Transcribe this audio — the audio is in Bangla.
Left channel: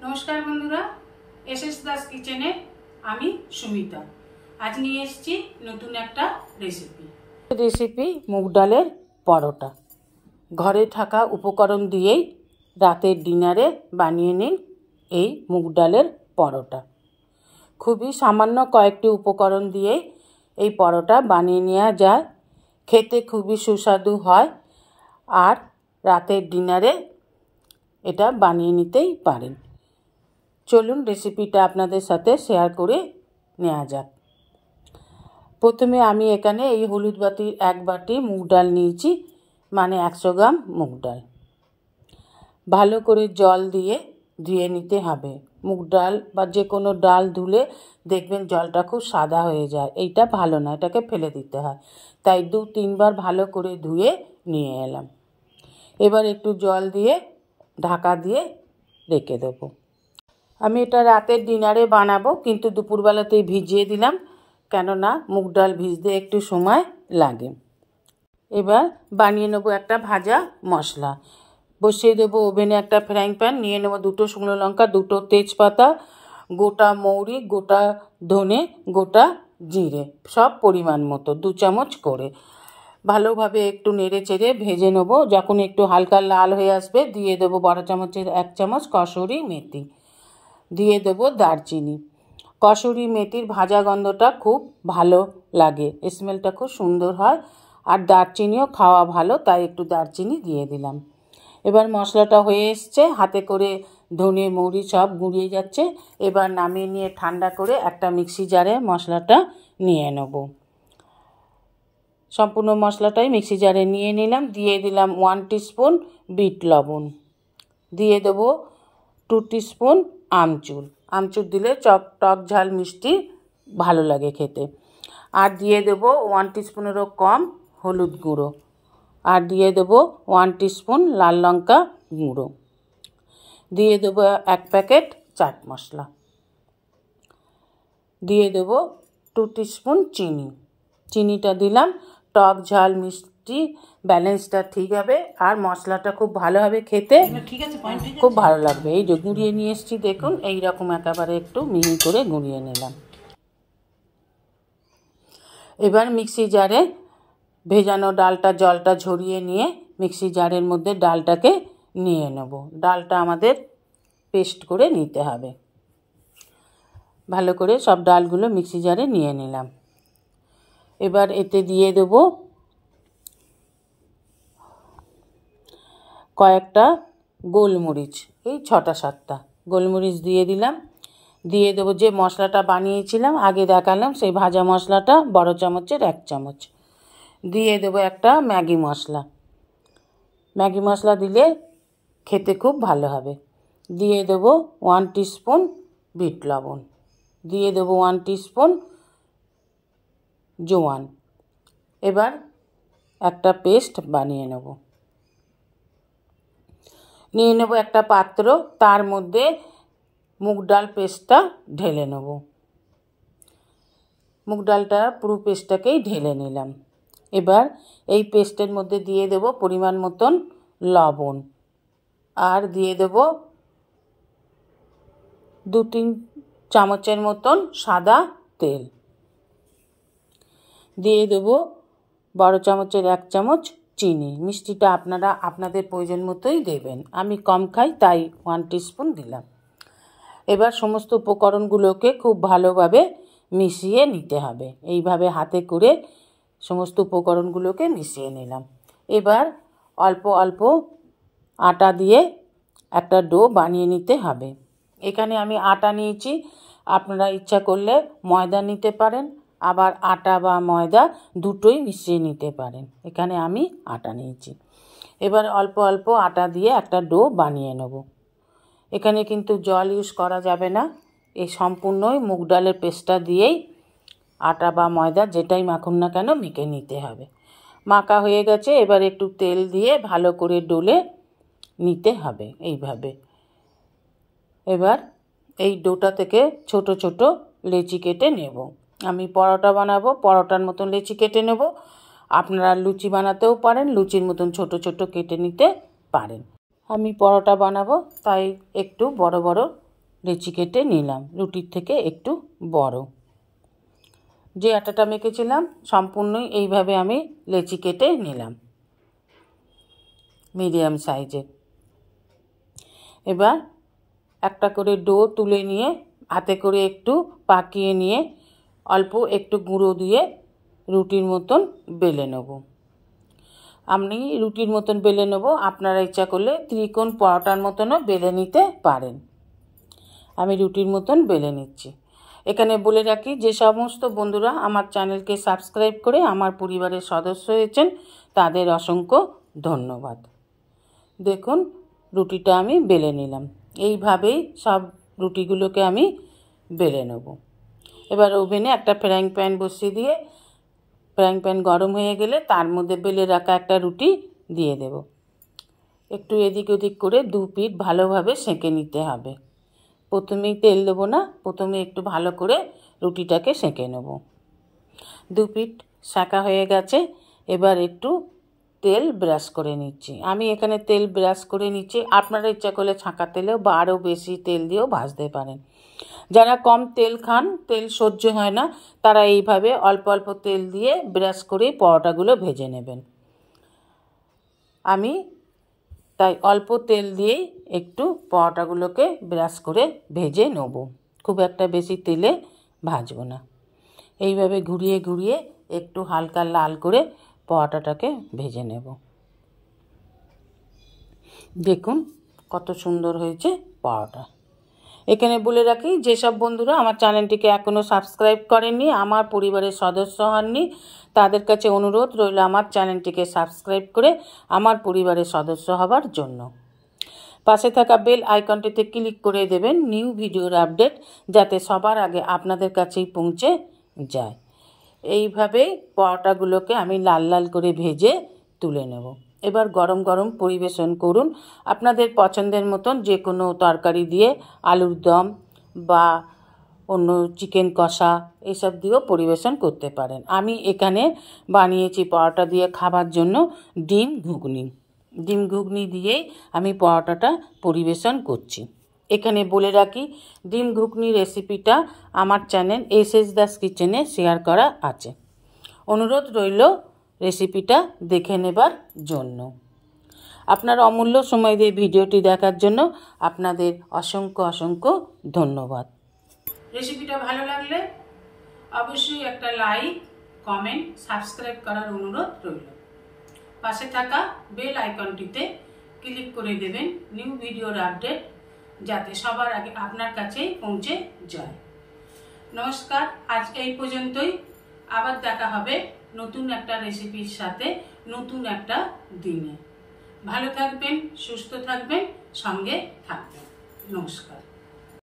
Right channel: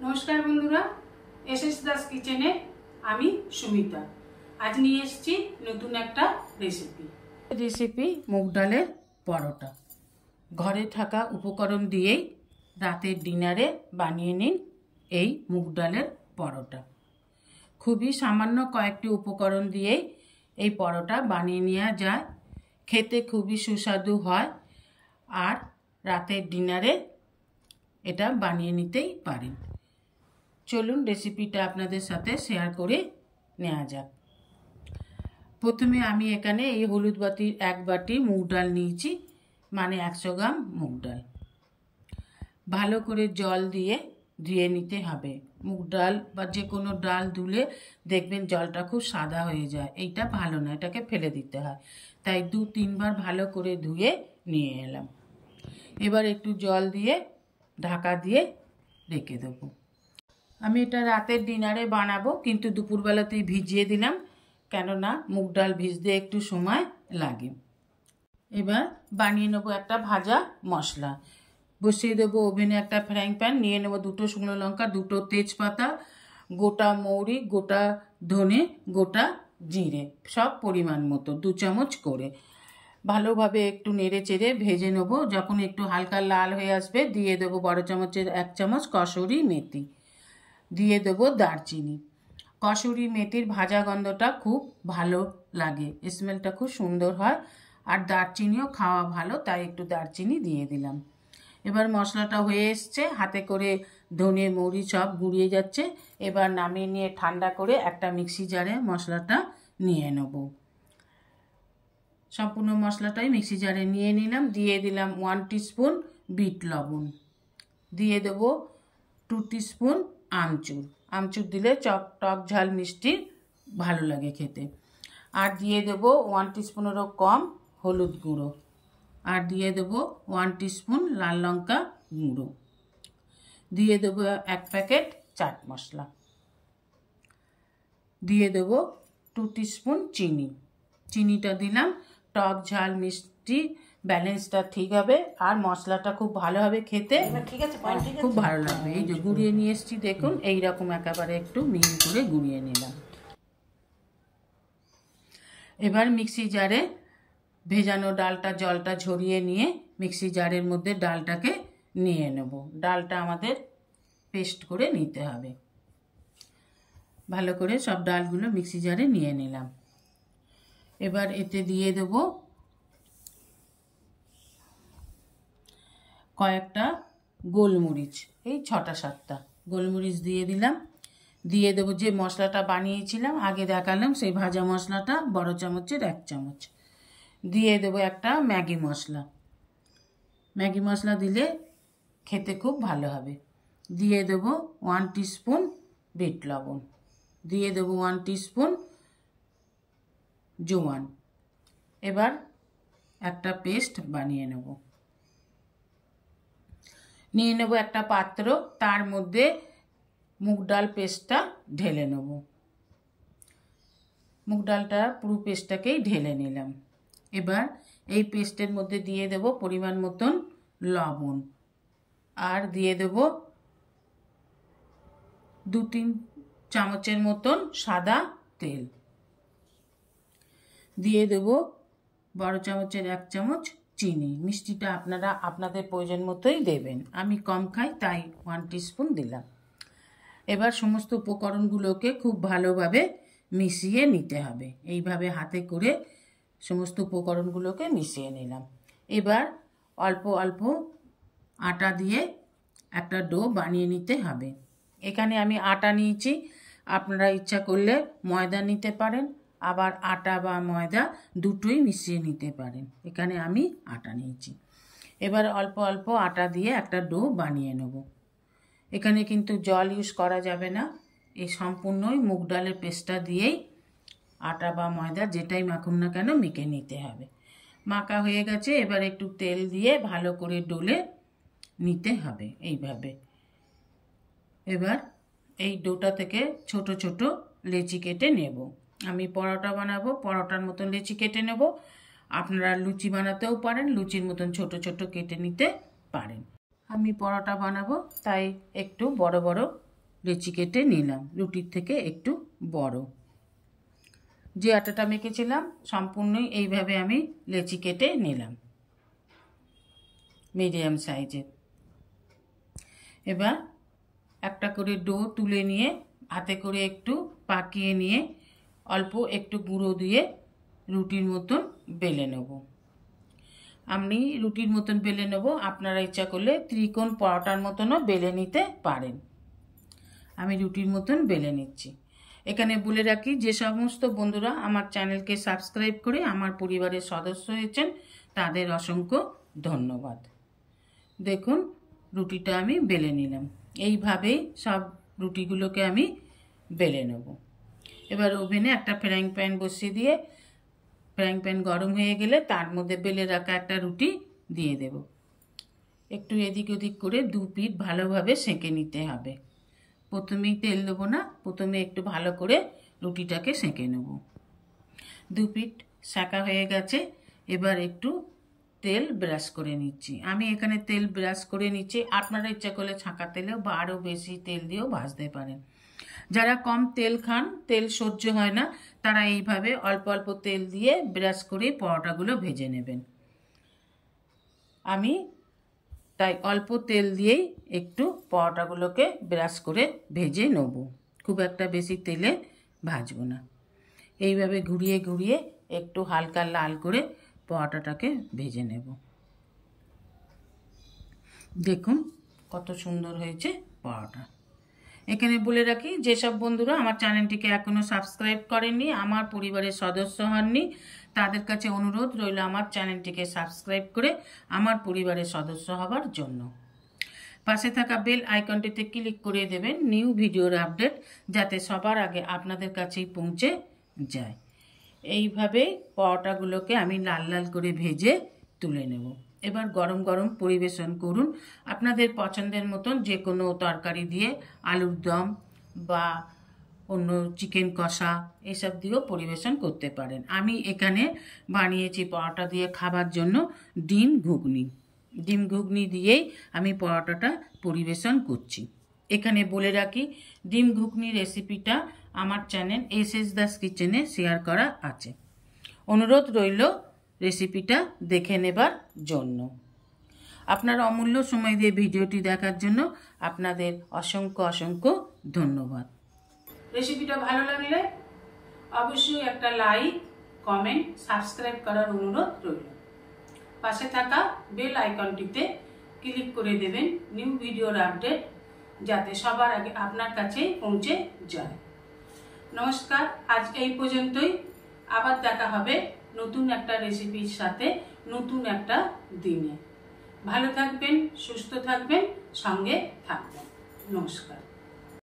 नमस्कार बंधुरा एसएस दास किचेने आमी सुमिता आज निये एसेछि नतून एकटा रेसिपि मुग डालेर परोटा। घरे थाका उपकरण दिएई रातेर डिनारे बानिये निन एई मुग डालेर परोटा। खूबई सामान्य कयेकटी उपकरण दिएई एई परोटा बानिये नेওয়া যায়। खेते खूबई सुस्वादु हय और रातेर डिनारे एटा बानिये नितेई पारेन। चलुन रेसिपिटा आपनादेर साथे शेयर करे नेওয়া যাক। प्रथमे आमी एखाने এই হলুদ বাটির এক বাটি মুগ ডাল নিয়েছি, মানে 100 গ্রাম মুগ ডাল। ভালো করে জল দিয়ে ধুয়ে নিতে হবে। মুগ ডাল বা যে কোনো ডাল ধুলে দেখবেন জলটা খুব সাদা হয়ে যায়, এইটা ভালো না, এটাকে ফেলে দিতে হয়। তাই 2-3 বার ভালো করে ধুয়ে নিয়ে এলাম। এবার একটু জল দিয়ে ঢাকা দিয়ে রেখে দেবো। আমি এটা রাতের ডিনারে বানাবো, কিন্তু দুপুরবেলাতেই ভিজিয়ে দিলাম, কেননা মুগ ডাল ভিজতে একটু সময় লাগে। এবার বানিয়ে নেবো একটা ভাজা মশলা। বসিয়ে দেবো ওভেনে একটা ফ্রাইং প্যান, নিয়ে নেবো 2টো শুকনো লঙ্কা, 2টো তেজপাতা, গোটা মৌরি, গোটা ধনে, গোটা জিরে, সব পরিমাণ মতো 2 চামচ করে ভালোভাবে একটু নেড়ে চেড়ে ভেজে নেবো। যখন একটু হালকা লাল হয়ে আসবে দিয়ে দেবো বড় চামচের 1 চামচ কসুরি মেথি, দিয়ে দেবো দারচিনি। কসুরি মেথির ভাজা গন্ধটা খুব ভালো লাগে, স্মেলটা খুব সুন্দর হয়, আর দারচিনিও খাওয়া ভালো, তাই একটু দারচিনি দিয়ে দিলাম। এবার মশলাটা হয়ে এসছে, হাতে করে ধনে মৌরি সব গুঁড়িয়ে যাচ্ছে। এবার নামিয়ে নিয়ে ঠান্ডা করে একটা মিক্সি জারে মশলাটা নিয়ে নেব। সম্পূর্ণ মশলাটাই মিক্সি জারে নিয়ে নিলাম। দিয়ে দিলাম 1 টিস্পুন বিট লবণ, দিয়ে দেবো 2 টিস্পুন আমচুর। আমচুর দিলে টক ঝাল মিষ্টি ভালো লাগে খেতে। আর দিয়ে দেবো 1 টিস্পুনেরও কম হলুদ গুঁড়ো, আর দিয়ে দেবো 1 টিস্পুন লাল লঙ্কা গুঁড়ো, দিয়ে দেবো 1 প্যাকেট চাট মশলা, দিয়ে দেবো 2 টিস্পুন চিনি। চিনিটা দিলাম টক ঝাল মিষ্টি ব্যালেন্সটা ঠিক হবে, আর মশলাটা খুব ভালো হবে খেতে, খুব ভালো লাগবে। এই যে গুঁড়িয়ে নিয়ে এসেছি দেখুন, এইরকম একেবারে একটু মিহি করে গুঁড়িয়ে নিলাম। এবার মিক্সি জারে ভেজানো ডালটা জলটা ঝরিয়ে নিয়ে মিক্সি জারের মধ্যে ডালটাকে নিয়ে নেব। ডালটা আমাদের পেস্ট করে নিতে হবে। ভালো করে সব ডালগুলো মিক্সি জারে নিয়ে নিলাম। এবার এতে দিয়ে দেব কয়েকটা গোলমরিচ, এই 6টা-7টা গোলমরিচ দিয়ে দিলাম। দিয়ে দেবো যে মশলাটা বানিয়েছিলাম আগে দেখালাম, সেই ভাজা মশলাটা বড় চামচের 1 চামচ। দিয়ে দেবো একটা ম্যাগি মশলা, ম্যাগি মশলা দিলে খেতে খুব ভালো হবে। দিয়ে দেবো 1 টিস্পুন বিট লবণ, দিয়ে দেবো 1 টিস্পুন জোয়ান। এবার একটা পেস্ট বানিয়ে নেব। নিয়ে নেব একটা পাত্র, তার মধ্যে মুগ ডাল পেস্টটা ঢেলে নেব। মুগ ডালটা পুরো পেস্টটাকেই ঢেলে নিলাম। এবার এই পেস্টের মধ্যে দিয়ে দেব পরিমাণ মতন লবণ, আর দিয়ে দেব 2-3 চামচের মতন সাদা তেল, দিয়ে দেব বড় চামচের 1 চামচ চিনি। মিষ্টিটা আপনারা আপনাদের প্রয়োজন মতোই দেবেন, আমি কম খাই তাই 1 টিস্পুন দিলাম। এবার সমস্ত উপকরণগুলোকে খুব ভালোভাবে মিশিয়ে নিতে হবে। এইভাবে হাতে করে সমস্ত উপকরণগুলোকে মিশিয়ে নিলাম। এবার অল্প অল্প আটা দিয়ে একটা ডো বানিয়ে নিতে হবে। এখানে আমি আটা নিয়েছি, আপনারা ইচ্ছা করলে ময়দা নিতে পারেন, আবার আটা বা ময়দা দুটোই মিশিয়ে নিতে পারেন। এখানে আমি আটা নিয়েছি। এবার অল্প অল্প আটা দিয়ে একটা ডো বানিয়ে নেব। এখানে কিন্তু জল ইউজ করা যাবে না, এই সম্পূর্ণই মুগ ডালের পেস্টটা দিয়েই আটা বা ময়দা যেটাই মাখুন না কেন মেখে নিতে হবে। মাখা হয়ে গেছে, এবার একটু তেল দিয়ে ভালো করে ডলে নিতে হবে এইভাবে। এবার এই ডোটা থেকে ছোট ছোট লেচি কেটে নেব। আমি পরোটা বানাবো, পরোটার মতন লেচি কেটে নেব। আপনারা লুচি বানাতেও পারেন, লুচির মতন ছোট ছোট কেটে নিতে পারেন। আমি পরোটা বানাবো তাই একটু বড় বড় লেচি কেটে নিলাম, রুটির থেকে একটু বড়। যে আটাটা মেখেছিলাম সম্পূর্ণই এইভাবে আমি লেচি কেটে নিলাম, মিডিয়াম সাইজের। এবার একটা করে ডো তুলে নিয়ে হাতে করে একটু পাকিয়ে নিয়ে অল্প একটু গুঁড়ো দিয়ে রুটির মতন বেলে নেব। আমি রুটির মতন বেলে নেব, আপনারা ইচ্ছা করলে ত্রিকোণ পরোটার মতনও বেলে নিতে পারেন। আমি রুটির মতন বেলে নিচ্ছি। এখানে বলে রাখি, যে সমস্ত বন্ধুরা আমার চ্যানেলকে সাবস্ক্রাইব করে আমার পরিবারের সদস্য হয়েছেন তাদের অসংখ্য ধন্যবাদ। দেখুন রুটিটা আমি বেলে নিলাম। এইভাবেই সব রুটিগুলোকে আমি বেলে নেব। এবার ওভেনে একটা ফ্রাইং প্যান বসিয়ে দিয়ে ফ্রাইং প্যান গরম হয়ে গেলে তার মধ্যে বেলে রাখা একটা রুটি দিয়ে দেব। একটু এদিক ওদিক করে দু পিঠ ভালোভাবে সেঁকে নিতে হবে। প্রথমেই তেল দেবো না, প্রথমে একটু ভালো করে রুটিটাকে সেঁকে নেব। দু পিঠ সেঁকা হয়ে গেছে, এবার একটু তেল ব্রাশ করে নিচ্ছি। আমি এখানে তেল ব্রাশ করে নিচ্ছি, আপনারা ইচ্ছা করলে ছাঁকা তেলেও বা আরও বেশি তেল দিয়েও ভাজতে পারেন। যারা কম তেল খান, তেল সহ্য হয় না, তারা এইভাবে অল্প অল্প তেল দিয়ে ব্রাশ করে পরোটাগুলো ভেজে নেবেন। আমি তাই অল্প তেল দিয়েই একটু পরোটাগুলোকে ব্রাশ করে ভেজে নেব, খুব একটা বেশি তেলে ভাজবো না। এইভাবে ঘুরিয়ে ঘুরিয়ে একটু হালকা লাল করে পরোটাটাকে ভেজে নেব। দেখুন কত সুন্দর হয়েছে পরোটা। এখানে বলে রাখি, যেসব বন্ধুরা আমার চ্যানেলটিকে এখনও সাবস্ক্রাইব করেননি, আমার পরিবারের সদস্য হননি, তাদের কাছে অনুরোধ রইল আমার চ্যানেলটিকে সাবস্ক্রাইব করে আমার পরিবারের সদস্য হবার জন্য। পাশে থাকা বেল আইকনটিতে ক্লিক করে দেবেন নিউ ভিডিওর আপডেট যাতে সবার আগে আপনাদের কাছেই পৌঁছে যায়। এইভাবেই পরোটাগুলোকে আমি লাল লাল করে ভেজে তুলে নেব। এবার গরম গরম পরিবেশন করুন। আপনাদের পছন্দের মতন যে কোনো তরকারি দিয়ে, আলুর দম বা অন্য চিকেন কষা এসব দিয়েও পরিবেশন করতে পারেন। আমি এখানে বানিয়েছি পরোটা দিয়ে খাবার জন্য ডিম ঘুগনি। ডিম ঘুগনি দিয়েই আমি পরোটাটা পরিবেশন করছি। এখানে বলে রাখি, ডিম ঘুগনি রেসিপিটা আমার চ্যানেল এস দাস কিচেনে শেয়ার করা আছে। অনুরোধ রইল রেসিপিটা দেখে নেবার জন্য। আপনার অমূল্য সময় দিয়ে ভিডিওটি দেখার জন্য আপনাদের অসংখ্য অসংখ্য ধন্যবাদ। রেসিপিটা ভালো লাগলে অবশ্যই একটা লাইক, কমেন্ট, সাবস্ক্রাইব করার অনুরোধ রইল। পাশে থাকা বেল আইকনটিতে ক্লিক করে দেবেন নিউ ভিডিওর আপডেট যাতে সবার আগে আপনার কাছেই পৌঁছে যায়। নমস্কার, আজ এই পর্যন্তই। আবার দেখা হবে নতুন একটা রেসিপির সাথে নতুন একটা দিনে। ভালো থাকবেন, সুস্থ থাকবেন, সঙ্গে থাকবেন। নমস্কার।